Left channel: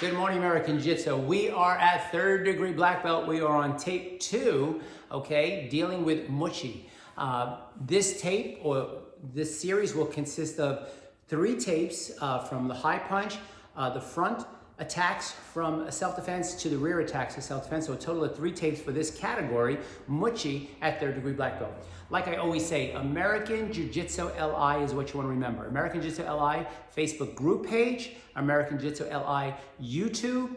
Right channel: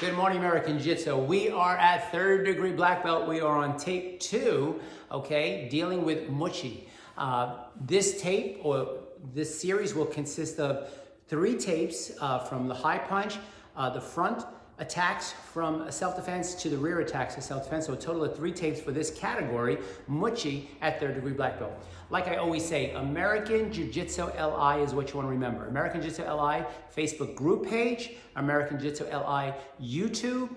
Good morning, American Jiu-Jitsu. We are at 3rd degree black belt. We are on tape 2, okay, dealing with Muchi. This tape or this series will consist of 3 tapes from the high punch, the front attacks from self-defense to the rear attacks of self-defense. So a total of 3 tapes for this category, Muchi at 3rd degree black belt. Like I always say, American Jiu-Jitsu LI is what you want to remember. American Jiu-Jitsu LI Facebook group page, American Jiu-Jitsu LI YouTube,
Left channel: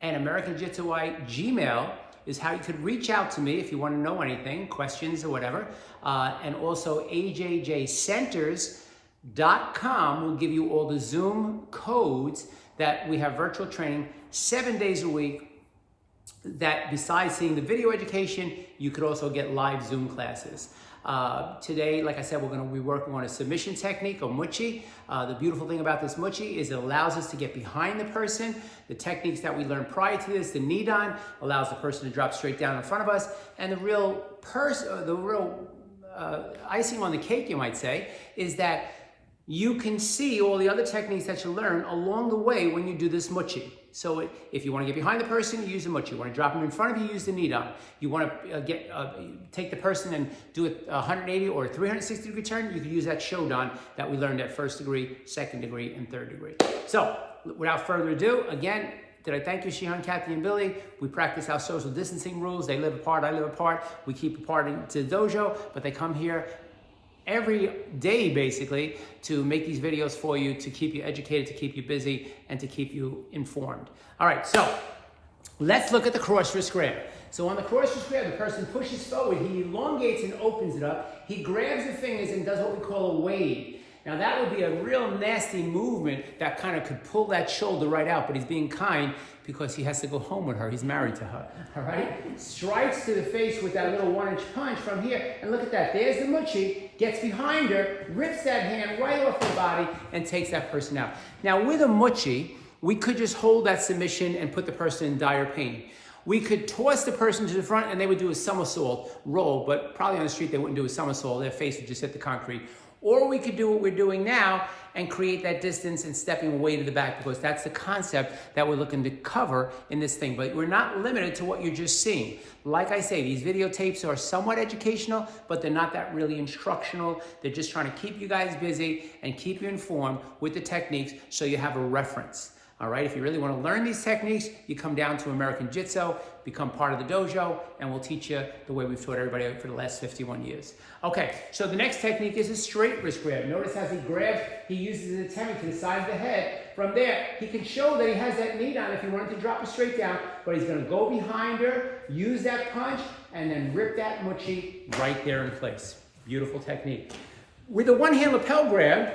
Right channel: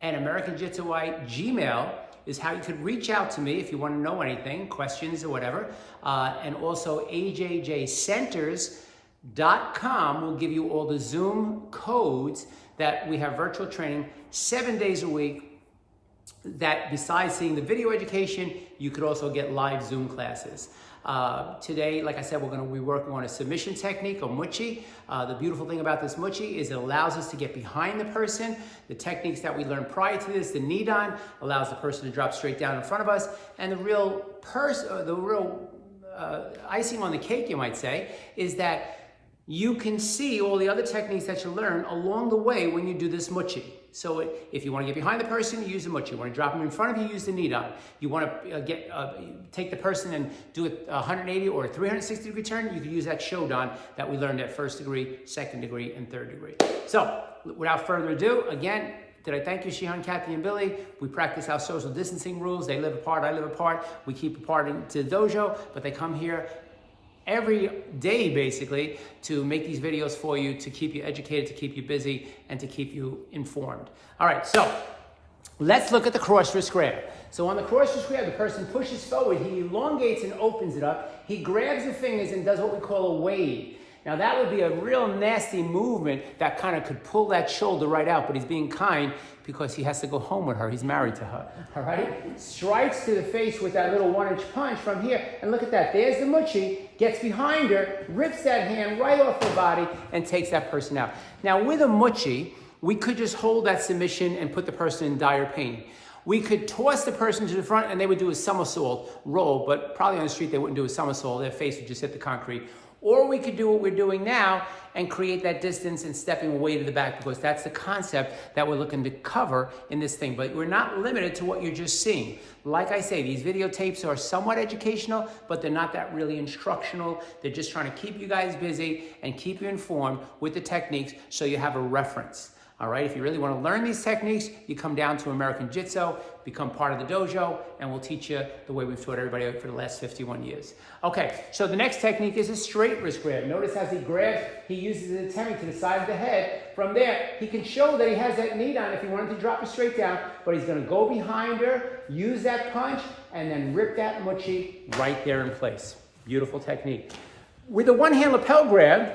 and American Jiu-Jitsu LI Gmail is how you could reach out to me if you want to know anything, questions or whatever. And also ajjcenters.com will give you all the Zoom codes that we have virtual training 7 days a week. That besides seeing the video education, you could also get live Zoom classes. Today, like I said, we're going to be working on a submission technique or Muchi. The beautiful thing about this Muchi is it allows us to get behind the person. The techniques that we learned prior to this, the knee down, allows the person to drop straight down in front of us. And the real icing on the cake, you might say, is that you can see all the other techniques that you learn along the way when you do this Muchi. So if you want to get behind the person, you use the Muchi. You want to drop them in front of you, use the knee down. You want to take the person and do a 180 or a 360 degree turn, you can use that Shodan that we learned at 1st degree, 2nd degree, and 3rd degree. So without further ado, again, did I thank you, Shihan, Kathy, and Billy? We practice our social distancing rules. They live apart, I live apart. We keep apart into the dojo, but they come here every day, basically, to make these videos for you, to keep you educated, to keep you busy, and to keep you informed. All right, so let's look at the cross wrist grab. So on the cross wrist grab, the person pushes forward, he elongates and opens it up. He grabs the fingers and does what we call a wave. Now that would be a real nasty movement that kind of could pull that shoulder right out, but he's being kind because he has to go home with her. He's married to her, all right? Strikes to the face with that little 1-inch punch from here. And look at that, there's the Muchi, gets behind her, rips that hand right off her body and takes that person out. Now with a Muchi, we could just hold that submission and put the person in dire pain. We could toss the person to the front and they would do a somersault roll, but probably on the street they wouldn't do a somersault, their face would just hit the concrete. Or we could do what we're doing now and create that distance and stepping away to the back, because that's the concept that we're looking to cover in this thing. But we're not limited to what you're just seeing. Like I say, these videotapes are somewhat educational, but they're not that really instructional. They're just trying to keep you guys busy and keep you informed with the techniques so you have a reference. All right, if you really want to learn these techniques, you come down to American Jiu-Jitsu, become part of the dojo, and we'll teach you the way we've taught everybody for the last 51 years. Okay, so the next technique is a straight wrist grab. Notice as he grabs, he uses his antenna to the side of the head. From there, he can show that he has that knee down if he wanted to drop it straight down, but he's going to go behind her, use that punch, and then rip that Muchi right there in place. Beautiful technique. With the one-hand lapel grab,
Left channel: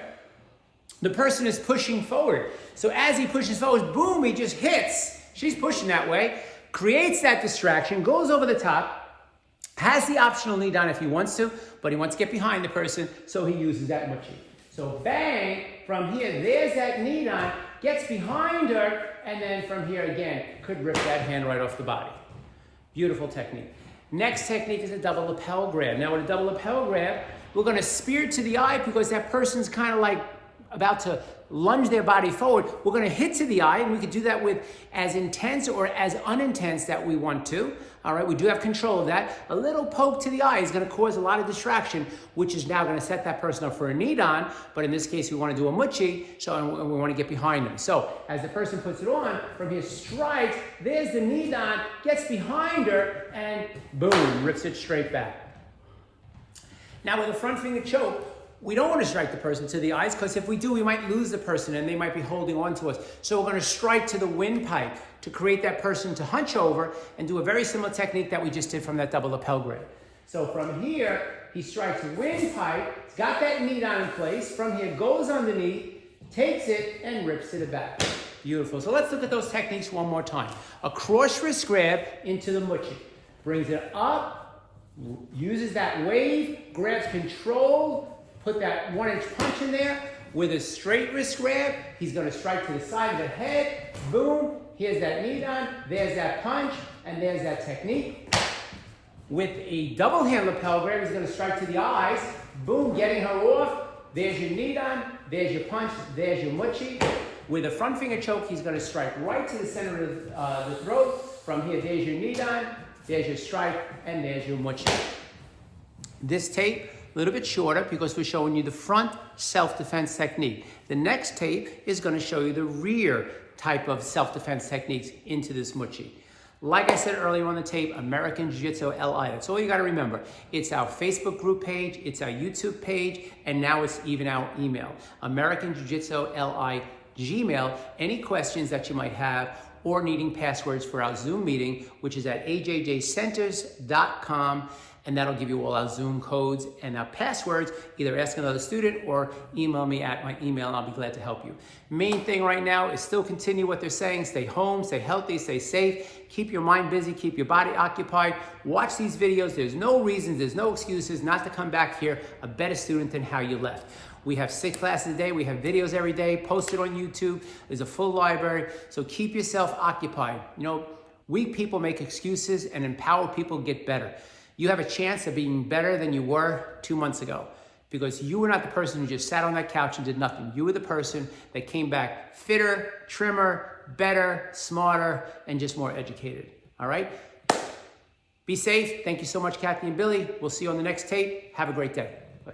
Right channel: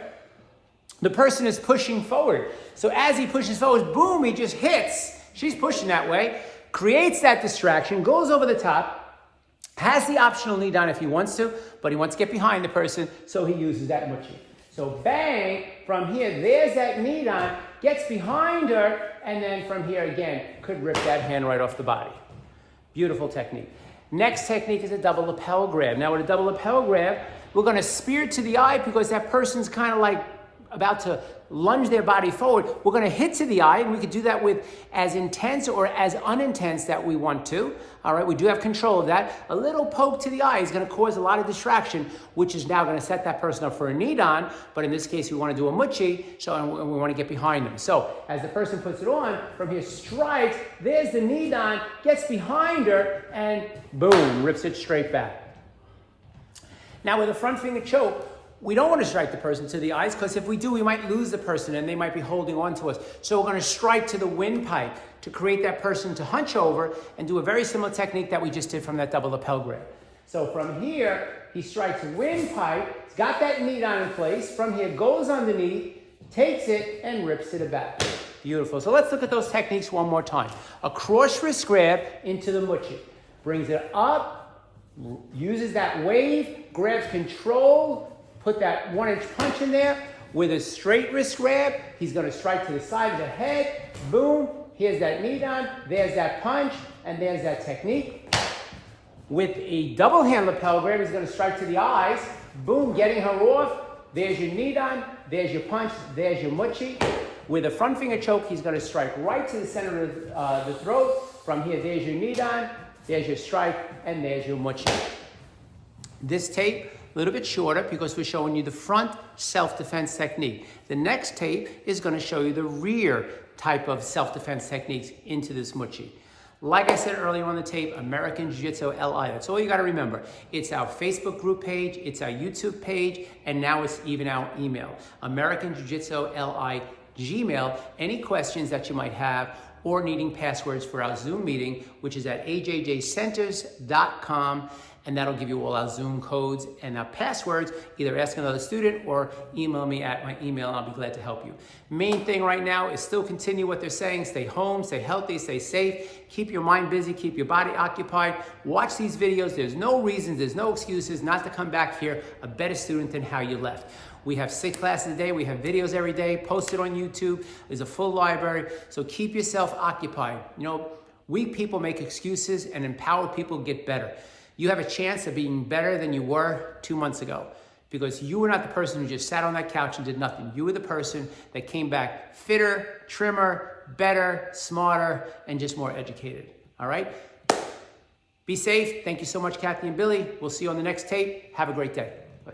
the person is pushing forward. So as he pushes forward, boom, he just hits. She's pushing that way, creates that distraction, goes over the top, has the optional knee down if he wants to, but he wants to get behind the person, so he uses that Muchi. So bang, from here, there's that knee down, gets behind her, and then from here again, could rip that hand right off the body. Beautiful technique. Next technique is a double lapel grab. Now with a double lapel grab, we're gonna spear to the eye because that person's kind of like about to lunge their body forward. We're going to hit to the eye, and we could do that with as intense or as unintense that we want to. All right, we do have control of that. A little poke to the eye is going to cause a lot of distraction, which is now going to set that person up for a knee down. But in this case, we want to do a Muchi, and we want to get behind them. So as the person puts it on, from here strikes, there's the knee down, gets behind her, and boom, rips it straight back. Now with a front finger choke, we don't want to strike the person to the eyes, because if we do, we might lose the person and they might be holding on to us. So we're going to strike to the windpipe to create that person to hunch over and do a very similar technique that we just did from that double lapel grab. So from here, he strikes windpipe, got that knee down in place. From here, goes underneath, takes it, and rips to the back. Beautiful. So let's look at those techniques one more time. A cross wrist grab into the Muchi. Brings it up, uses that wave, grabs control, put that 1-inch punch in there. With a straight wrist grab, he's going to strike to the side of the head. Boom. Here's that knee down. There's that punch. And there's that technique. With a double hand lapel grab, he's going to strike to the eyes. Boom. Getting her off. There's your knee down. There's your punch. There's your Muchi. With a front finger choke, he's going to strike right to the center of the throat. From here, there's your nidan, there's your strike, and there's your mochi. This tape, a little bit shorter because we're showing you the front self-defense technique. The next tape is going to show you the rear type of self-defense techniques into this mochi. Like I said earlier on the tape, American Jiu-Jitsu LI. That's all you got to remember. It's our Facebook group page, it's our YouTube page, and now it's even our email. American Jiu-Jitsu LI Gmail. Any questions that you might have or needing passwords for our Zoom meeting, which is at ajjcenters.com. And that'll give you all our Zoom codes and our passwords. Either ask another student or email me at my email, and I'll be glad to help you. Main thing right now is still continue what they're saying. Stay home, stay healthy, stay safe. Keep your mind busy, keep your body occupied. Watch these videos. There's no reasons, there's no excuses not to come back here a better student than how you left. We have 6 classes a day. We have videos every day posted on YouTube. There's a full library. So keep yourself occupied. You know, weak people make excuses and empowered people get better. You have a chance of being better than you were 2 months ago because you were not the person who just sat on that couch and did nothing. You were the person that came back fitter, trimmer, better, smarter, and just more educated. All right? Be safe. Thank you so much, Kathy and Billy. We'll see you on the next tape. Have a great day. Bye.